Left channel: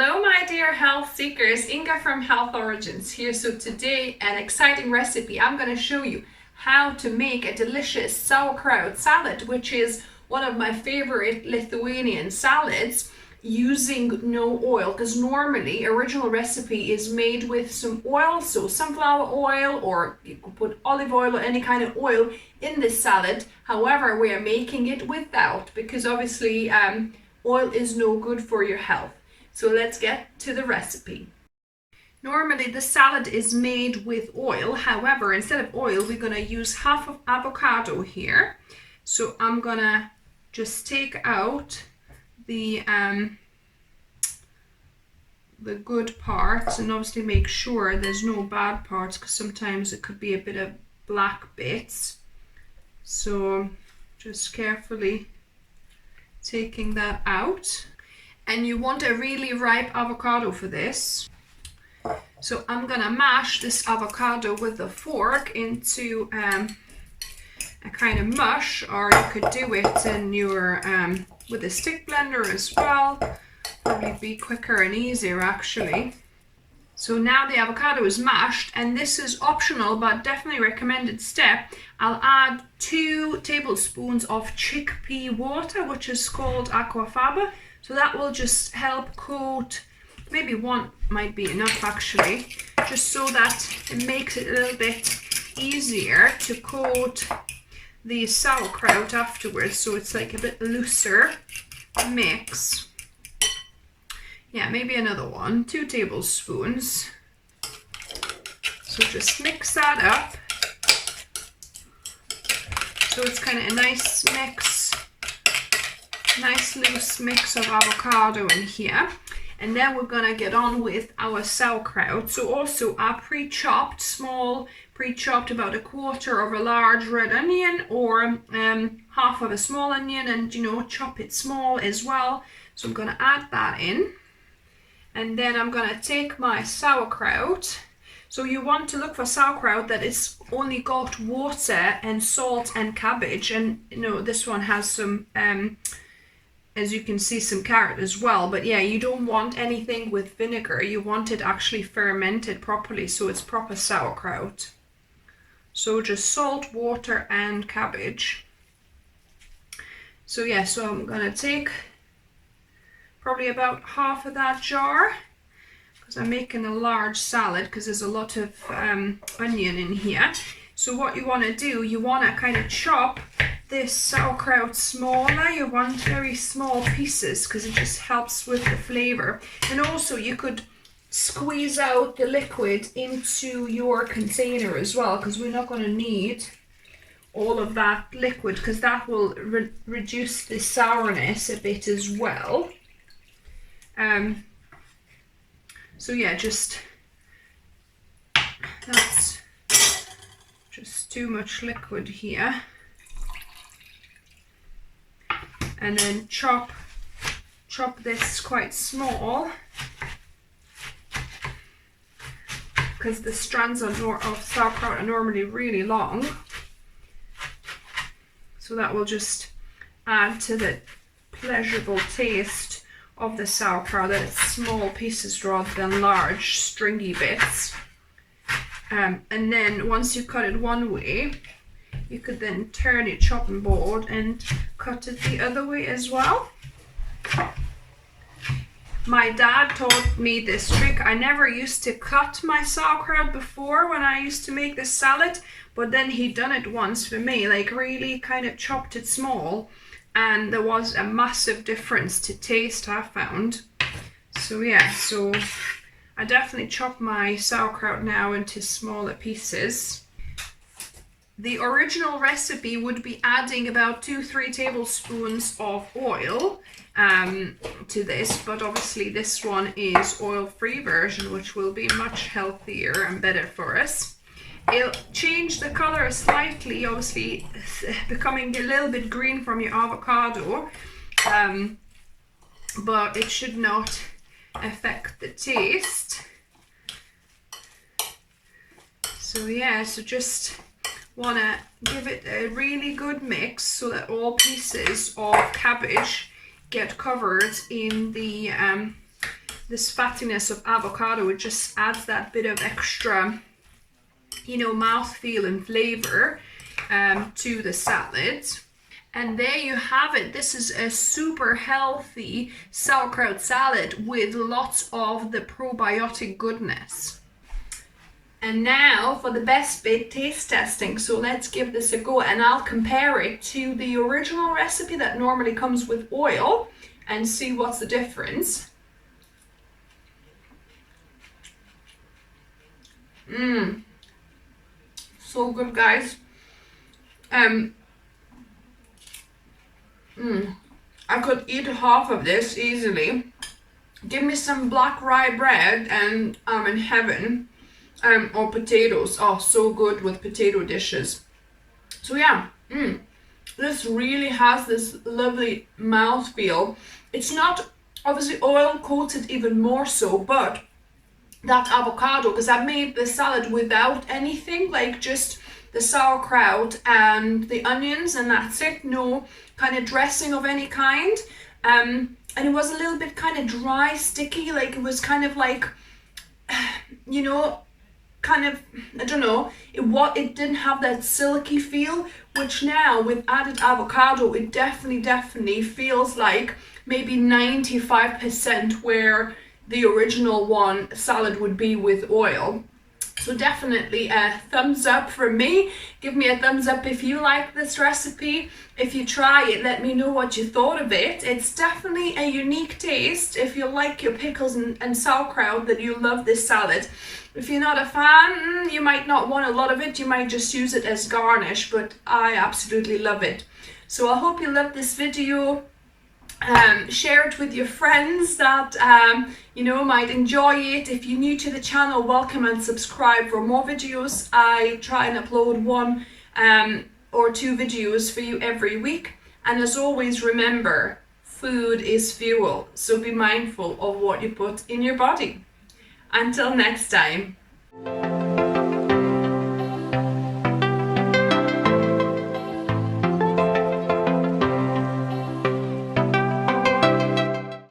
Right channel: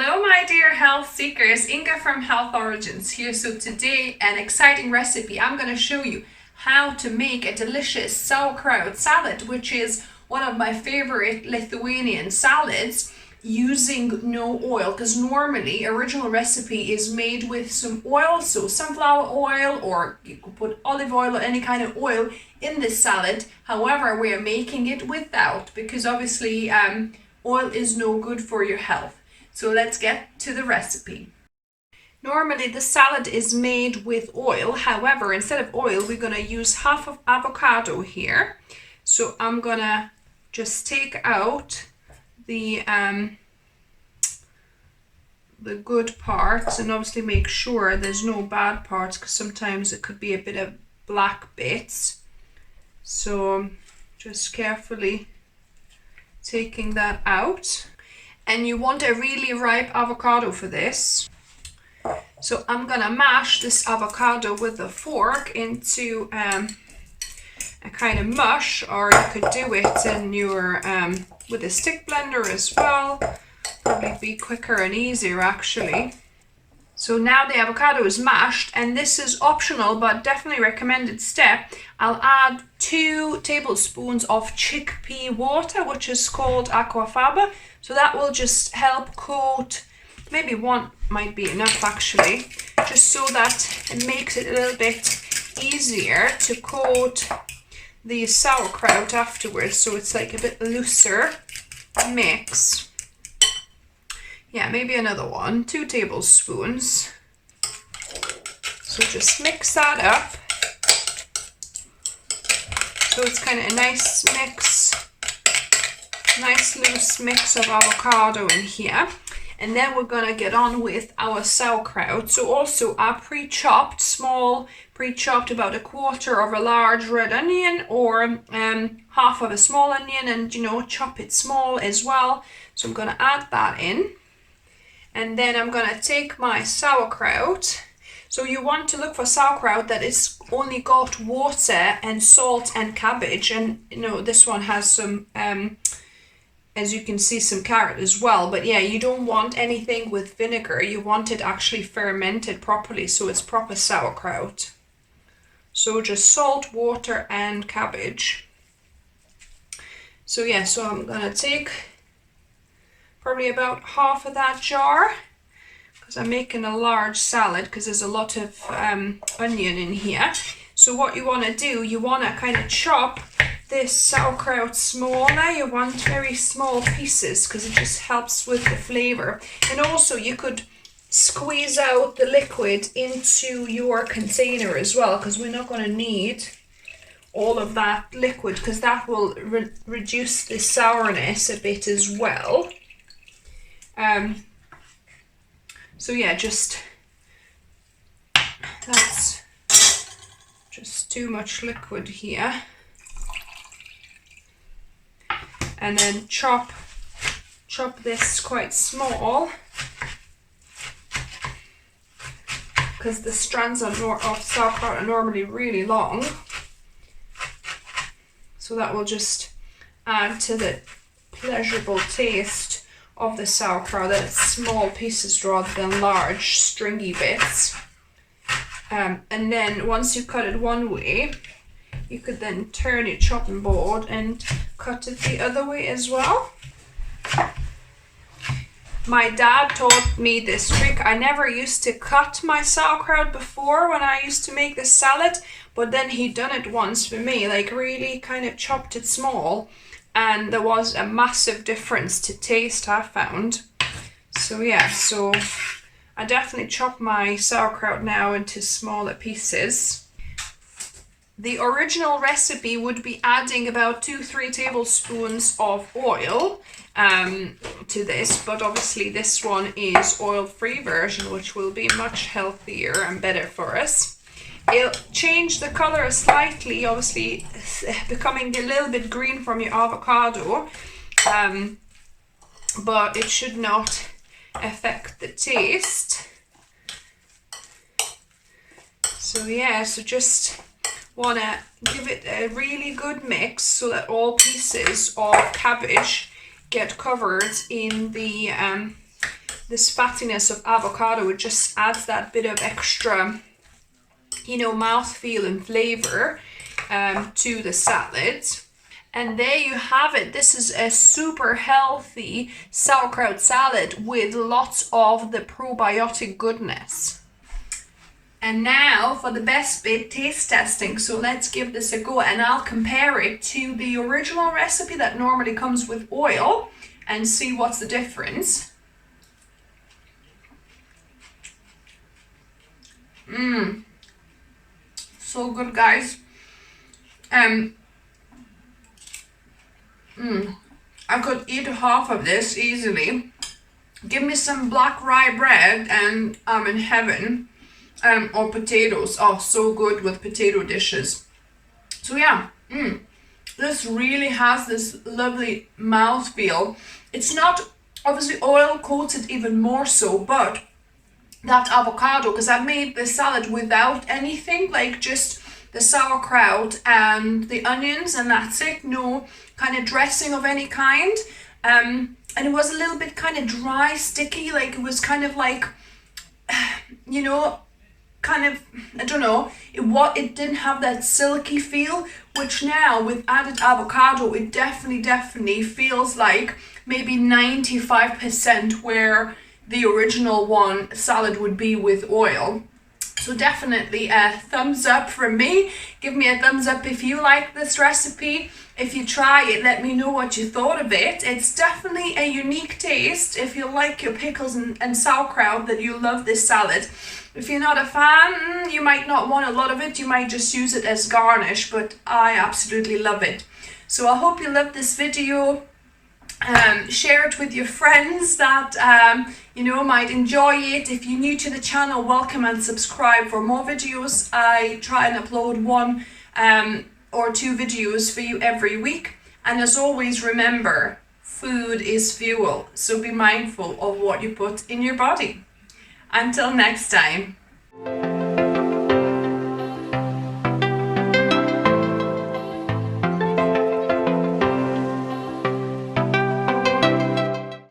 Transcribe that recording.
Hello my dear health seekers, Inga from Health Origins here. So today an exciting recipe. I'm going to show you how to make a delicious sauerkraut salad, which is one of my favorite Lithuanian salads, using no oil, because normally original recipe is made with some oil, so sunflower oil, or you could put olive oil or any kind of oil in this salad. However, we are making it without, because obviously oil is no good for your health. So let's get to the recipe. Normally the salad is made with oil. However, instead of oil, we're going to use half of avocado here. So I'm going to just take out the good parts, and obviously make sure there's no bad parts, because sometimes it could be a bit of black bits. So just carefully taking that out. And you want a really ripe avocado for this. So I'm gonna mash this avocado with a fork into a kind of mush, or you could do it in your with a stick blender as well. Probably be quicker and easier actually. So now the avocado is mashed, and this is optional but definitely recommended step. I'll add 2 tablespoons of chickpea water, which is called aquafaba. So that will just help coat, maybe 1 might be enough actually, just so that it makes it a little bit easier to coat the sauerkraut afterwards, so it's like a bit looser mix. Yeah, maybe another 1, 2 tablespoons. So just mix that up. So it's kind of a nice mix, nice loose mix of avocado in here. And then we're gonna get on with our sauerkraut. So also I pre-chopped, small, pre-chopped about 1/4 of a large red onion, or half of a small onion, and chop it small as well. So I'm gonna add that in. And then I'm gonna take my sauerkraut. So you want to look for sauerkraut that it's only got water and salt and cabbage, and this one has some as you can see, some carrot as well. But yeah, you don't want anything with vinegar. You want it actually fermented properly, so it's proper sauerkraut. So just salt, water and cabbage. So yeah, so I'm gonna take probably about half of that jar, because I'm making a large salad, because there's a lot of onion in here. So what you want to do, you want to kind of chop this sauerkraut smaller. You want very small pieces, because it just helps with the flavor. And also you could squeeze out the liquid into your container as well, because we're not going to need all of that liquid, because that will reduce the sourness a bit as well. So yeah, that's just too much liquid here. And then chop this quite small, because the strands of sauerkraut are normally really long. So that will just add to the pleasurable taste of the sauerkraut, that it's small pieces rather than large stringy bits. And then once you cut it one way, you could then turn your chopping board and cut it the other way as well. My dad taught me this trick. I never used to cut my sauerkraut before when I used to make this salad, but then he done it once for me, like really kind of chopped it small, and there was a massive difference to taste, I found. So yeah, so I definitely chop my sauerkraut now into smaller pieces. The original recipe would be adding about 2-3 tablespoons of oil to this, but obviously this one is oil-free version, which will be much healthier and better for us. It'll change the color slightly, obviously becoming a little bit green from your avocado, but it should not affect the taste. So yeah, so just want to give it a really good mix so that all pieces of cabbage get covered in the this fattiness of avocado, it just adds that bit of extra, you know, mouthfeel and flavor to the salad. And there you have it. This is a super healthy sauerkraut salad with lots of the probiotic goodness. And now for the best bit, taste testing. So let's give this a go, and I'll compare it to the original recipe that normally comes with oil and see what's the difference. So good, guys. I could eat half of this easily. Give me some black rye bread and I'm in heaven. Or potatoes. Oh, so good with potato dishes. So yeah, this really has this lovely mouthfeel. It's not obviously oil coated, even more so, but that avocado, because I made the salad without anything, like just the sauerkraut and the onions, and that's it. No kind of dressing of any kind. And it was a little bit kind of dry, sticky, like it was kind of like, you know, kind of, I don't know, it didn't have that silky feel, which now with added avocado, it definitely feels like maybe 95% where the original one salad would be with oil. So definitely a thumbs up from me. Give me a thumbs up if you like this recipe. If you try it, let me know what you thought of it. It's definitely a unique taste. If you like your pickles and sauerkraut, then you love this salad. If you're not a fan, you might not want a lot of it. You might just use it as garnish, but I absolutely love it. So I hope you loved this video. Share it with your friends that you know might enjoy it. If you're new to the channel, welcome and subscribe for more videos. I try and upload 1 or 2 videos for you every week, and as always, remember, food is fuel, so be mindful of what you put in your body. Until next time.